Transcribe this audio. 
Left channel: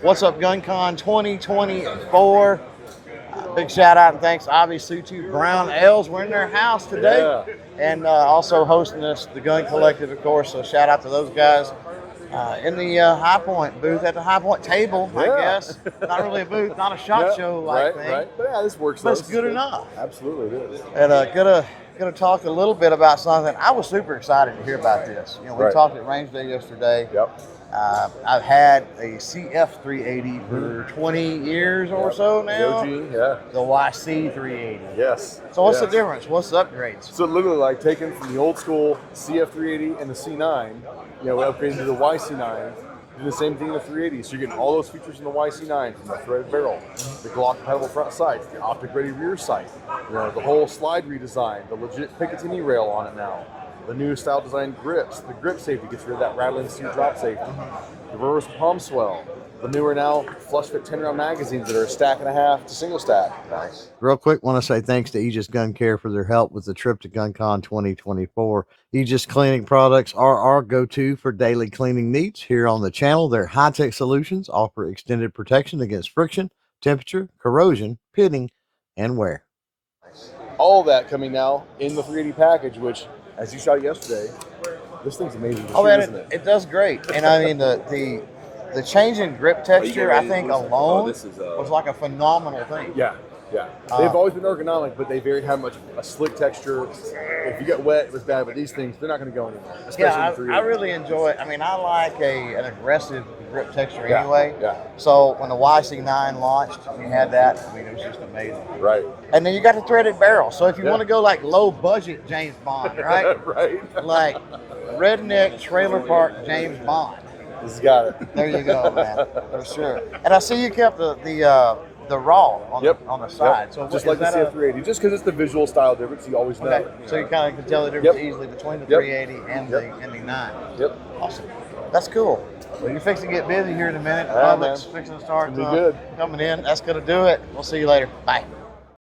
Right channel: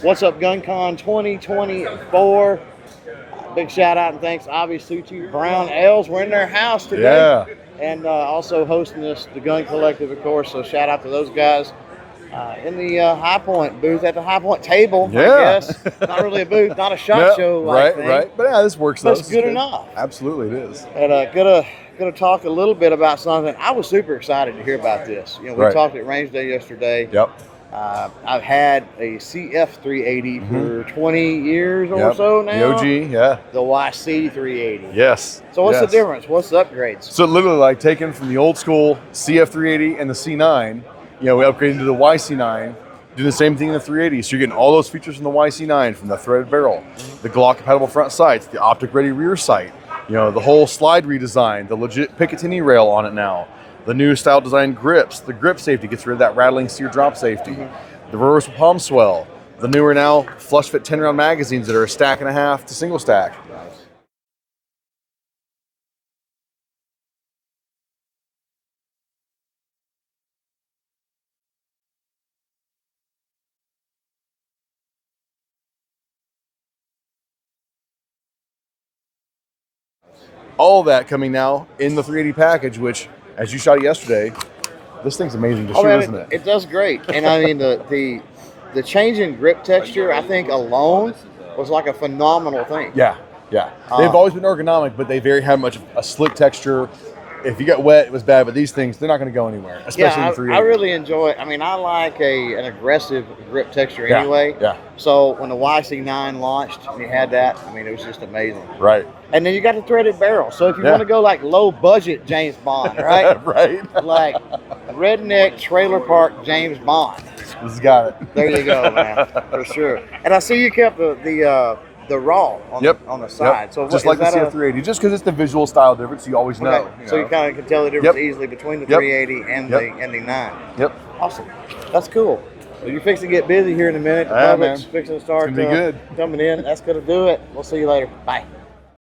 What's up, GunCon 2024? Big shout out and thanks, obviously, to Brown L's. We're in their house today. Yeah. And also hosting this, the Gun Collective, of course. So shout out to those guys in the High Point booth at the High Point table, I guess. Not really a booth, not a shot show like thing. Right. But yeah, this works. But it's good enough. Absolutely, it is. And gonna talk a little bit about something. I was super excited to hear about this. You know, we talked at Range Day yesterday. Yep. I've had a CF380 for 20 years or so now. The OG, yeah. The YC380. Yes. So what's the difference? What's the upgrades? So literally like taking from the old school CF380 and the C9, you know, we upgraded to the YC9, do the same thing in the 380. So you're getting all those features from the YC9, from the threaded barrel, the Glock compatible front sights, the optic ready rear sight, you know, the whole slide redesign, the legit Picatinny rail on it now. The new style design grips, the grip safety gets rid of that rattling sear drop safety. The reversible palm swell, the newer now flush fit 10 round magazines that are a stack and a half to single stack. Nice. Real quick, want to say thanks to Aegis Gun Care for their help with the trip to GunCon 2024. Aegis cleaning products are our go-to for daily cleaning needs. Here on the channel, their high-tech solutions offer extended protection against friction, temperature, corrosion, pitting, and wear. All that coming now in the 380 package, which, as you shot it yesterday, this thing's amazing to shoot, isn't it? It does great. And I mean, the change in grip texture, I think alone was like a phenomenal thing. Yeah. They've always been ergonomic, but they have much a slick texture. If you get wet, it was bad, but these things, they're not going to go anywhere, especially in the 380. I really enjoy it. I mean, I like an aggressive grip texture anyway. Yeah. So when the YC9 launched and you had that, I mean, it was just amazing. Right. And then you got the threaded barrel. So if you want to go like low budget James Bond, right? Right. Like redneck trailer park James Bond. This has got it. There you go, man, for sure. And I see you kept the raw on the side. So just like the CF380, just because it's the visual style difference, you always know. Okay. So you kind of can tell the difference easily between the 380 and the 9. Yep. Awesome. That's cool. So you're fixing to get busy here in a minute. The public's fixing to start good. coming in. That's going to do it. We'll see you later. Bye.